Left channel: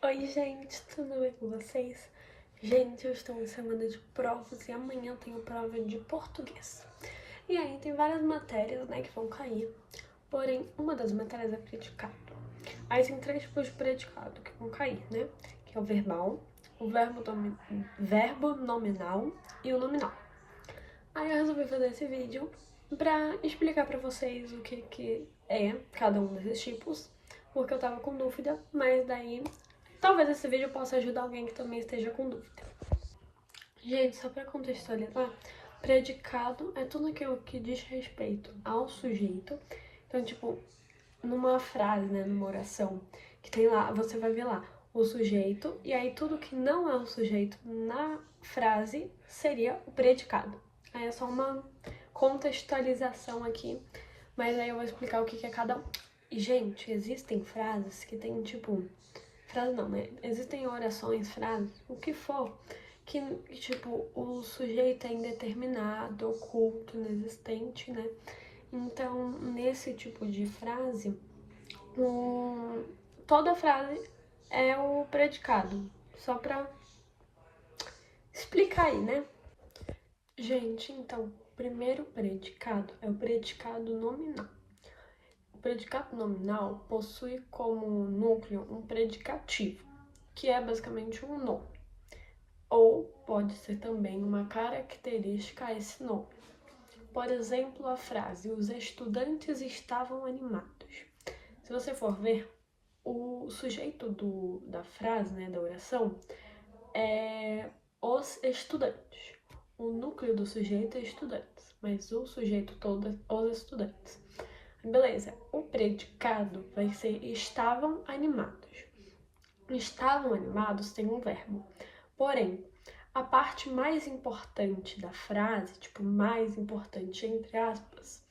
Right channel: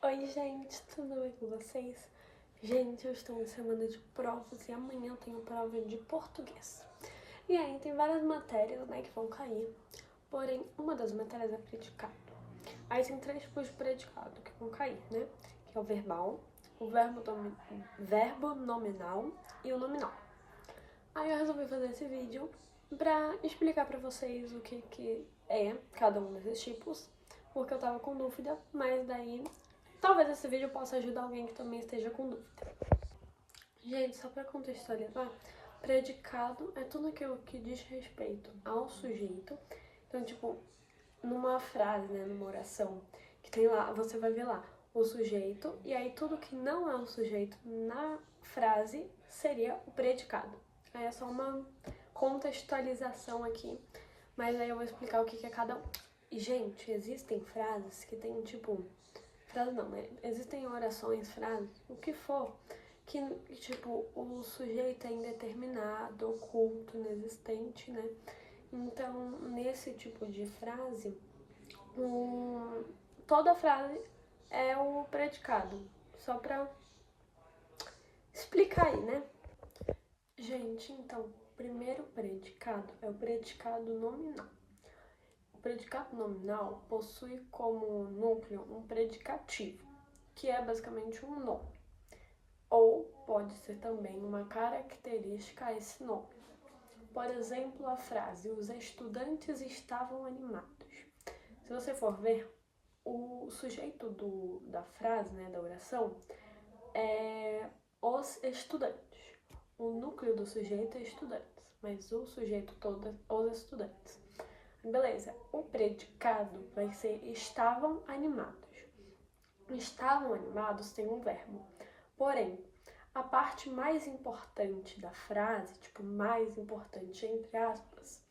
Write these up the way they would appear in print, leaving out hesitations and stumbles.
Oi, gente, tudo bem com vocês? Gente, eu estou em semana de provas e amanhã eu tenho prova de português. E aí tem várias matérias, né, que vão cair, porém uma das matérias é predicado. Aí tem três tipos de predicado que vão cair, né, que é o verbal, o verbo nominal e o nominal. Aí eu resolvi fazer esse vídeo pra explicar pra vocês o que é cada um desses tipos, porque eu tava com dúvida, mas daí talvez esse vídeo possa ajudar alguém que também esteja com dúvida. Gente, só pra contextualizar, predicado é tudo aquilo que diz respeito ao sujeito. Então, tipo, numa frase, né, numa oração, que tem lá, você vai ver lá o sujeito, e aí tudo que não é o sujeito na frase seria o predicado. Aí é só uma contextualização aqui, mas aí eu vou explicar o que é cada um. E, gente, existem frases que tem, tipo, frase não, né? Existem orações, frases, o que for, que, tipo, o sujeito é indeterminado, oculto, inexistente, né? Então, nesse tipo de frase, toda frase é o predicado. Só pra explicar aí, né? Gente, então, o primeiro predicado é o predicado nominal. O predicado nominal possui como núcleo um predicativo, que é basicamente um nome, ou pode ser também uma característica a esse nome. Por exemplo, a frase "os estudantes estavam animados". Se você for ver, o sujeito da frase, né, da oração, é os estudantes. O núcleo do sujeito é estudantes, mas o sujeito todo é os estudantes. Beleza, o predicado vai ser estavam animados. Estavam animados tem um verbo. Porém, a parte mais importante da frase, tipo, mais importante entre aspas,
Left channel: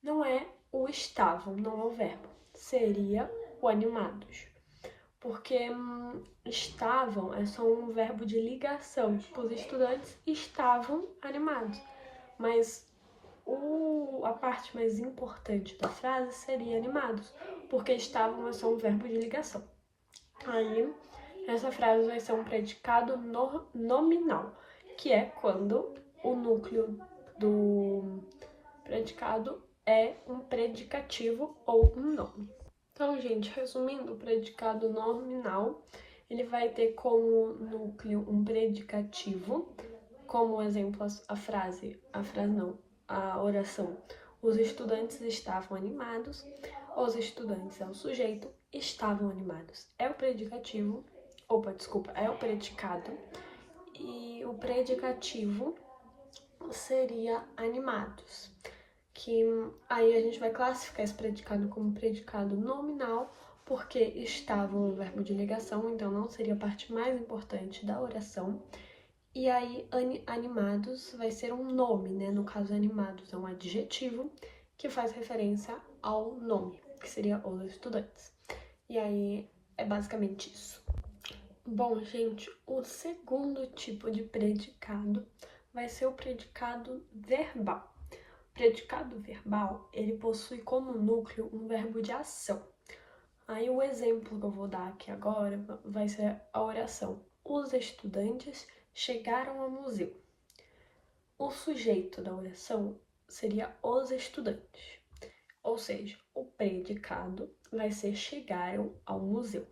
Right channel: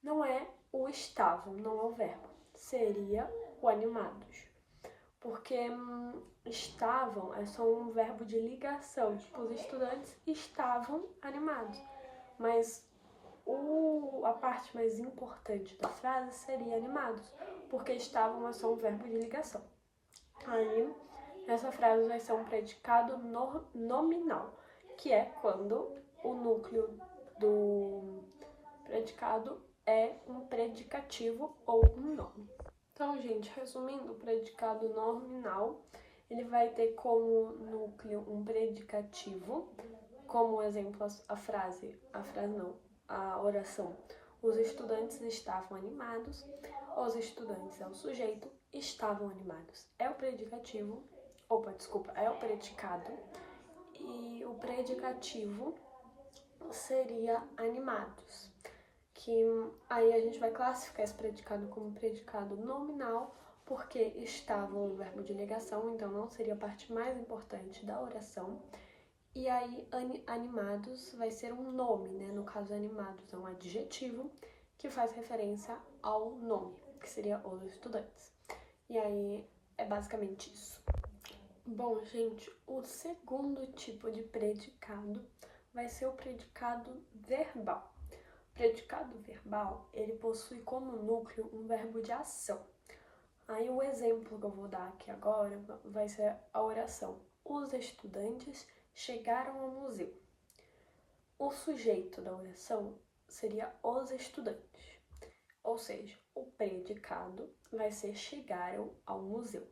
não é o estavam, não é o verbo. Seria o animados. Porque estavam é só um verbo de ligação. Tipo, os estudantes estavam animados. Mas a parte mais importante da frase seria animados, porque estavam é só um verbo de ligação. Aí, essa frase vai ser um predicado nominal, que é quando o núcleo do predicado é um predicativo ou um nome. Então, gente, resumindo, o predicado nominal, ele vai ter como núcleo um predicativo, como exemplo a oração. Os estudantes estavam animados. Os estudantes é o sujeito, estavam animados é o predicativo, desculpa, é o predicado. E o predicativo seria animados, que aí a gente vai classificar esse predicado como predicado nominal, porque estavam um verbo de ligação, então não seria a parte mais importante da oração. E aí, animados vai ser um nome, né? No caso, animados é um adjetivo que faz referência ao nome, que seria os estudantes. E aí, é basicamente isso. Bom, gente, o segundo tipo de predicado vai ser o predicado verbal. O predicado verbal, ele possui como núcleo um verbo de ação. Aí o exemplo que eu vou dar aqui agora vai ser a oração: os estudantes chegaram ao museu. O sujeito da oração seria os estudantes, ou seja, o predicado vai ser chegaram ao museu.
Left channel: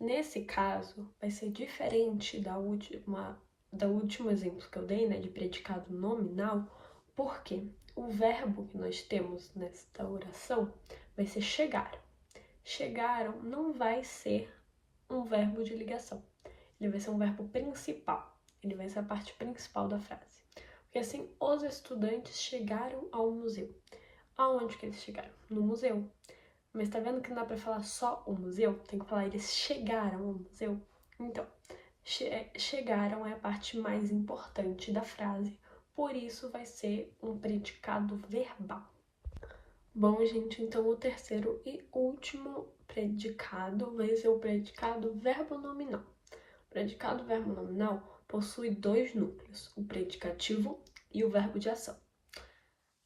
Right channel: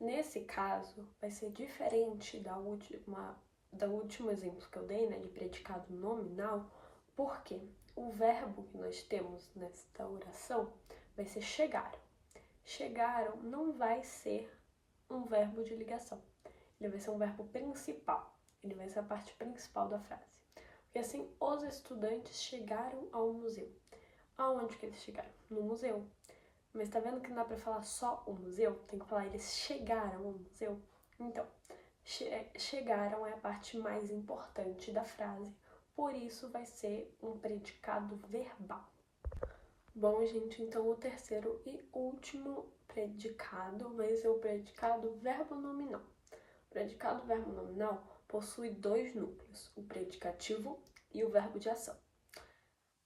Nesse caso, vai ser diferente do último exemplo que eu dei, né, de predicado nominal, porque o verbo que nós temos nesta oração vai ser chegaram. Chegaram não vai ser um verbo de ligação. Ele vai ser um verbo principal. Ele vai ser a parte principal da frase. Porque assim, os estudantes chegaram ao museu. Aonde que eles chegaram? No museu. Mas tá vendo que não dá pra falar só o museu? Tem que falar eles chegaram ao museu. Então, chegaram é a parte mais importante da frase. Por isso vai ser um predicado verbal. Bom, gente, então o terceiro e último predicado vai ser o predicado verbo nominal. O predicado verbo nominal possui dois núcleos, o predicativo e o verbo de ação.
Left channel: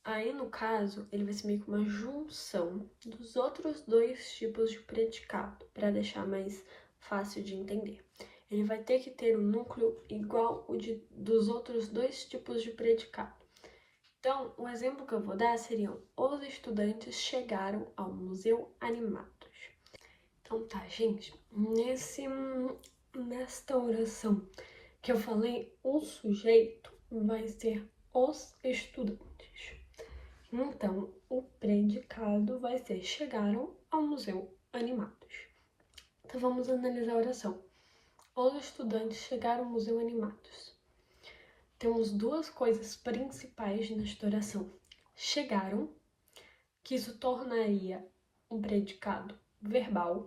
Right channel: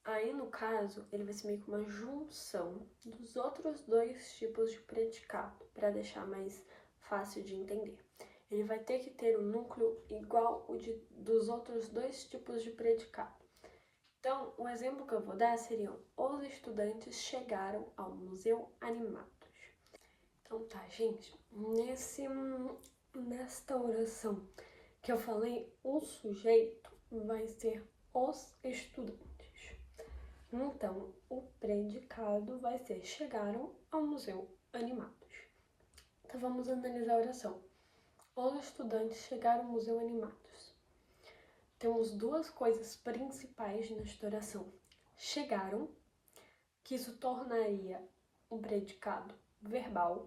Aí, no caso, ele vai ser meio que uma junção dos outros dois tipos de predicado, para deixar mais fácil de entender. Ele vai ter que ter um núcleo igual o dos outros dois tipos de predicado. Então, o exemplo que eu vou dar seriam: os estudantes chegaram ao museu animados. Então tá, gente, nesta oração que eu falei, o sujeito vai ser os estudantes. Então, o predicado vai ser: chegaram ao museu animados. Então, vamos analisar a oração. Os estudantes chegaram ao museu animados. Temos duas coisas principais nesta oração. Chegaram, que isso tornaria um predicado verbal,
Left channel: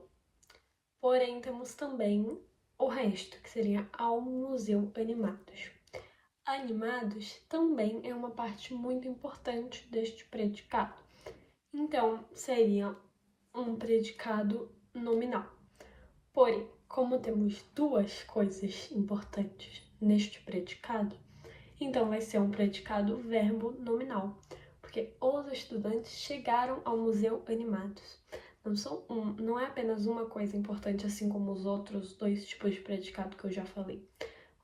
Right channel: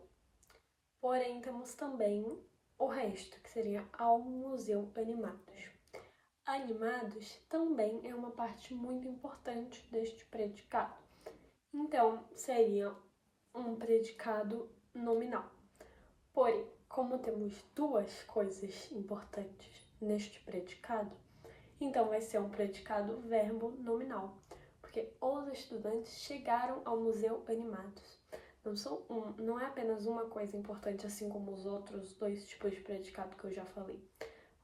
porém temos também o resto, que seria ao museu animados. Animados também é uma parte muito importante deste predicado. Então, seria um predicado nominal. Porém, como temos duas coisas importantes neste predicado, então vai ser um predicado verbo nominal, porque os estudantes chegaram ao museu animados. Não é apenas uma coisa importante, assim como os outros dois tipos de predicado que eu já falei.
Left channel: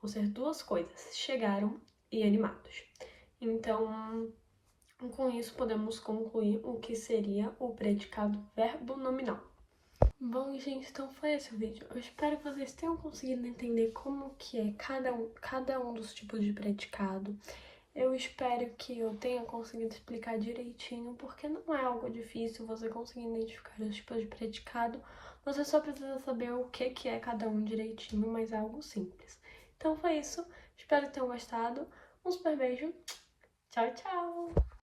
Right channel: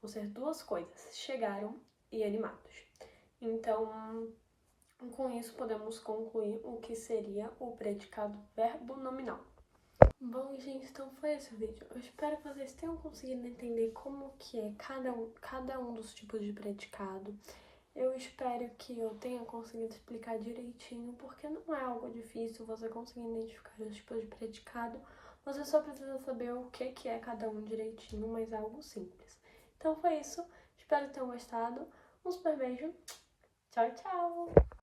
Vão ser duas coisas: chegaram e animados. Então, com isso podemos concluir o que seria o predicado verbo nominal. Bom, gente, então foi esse o vídeo. Eu espero que vocês tenham conseguido entender como que é cada um dos tipos de predicado. Eu espero que eu tenha conseguido explicar direitinho, porque não é algo difícil você conseguir identificar os tipos de predicado. Você só precisa saber o que é cada um direitinho, mas é algo simples. Então foi isso. Espero que tenham gostado. Um super beijo. Tchau, tchau!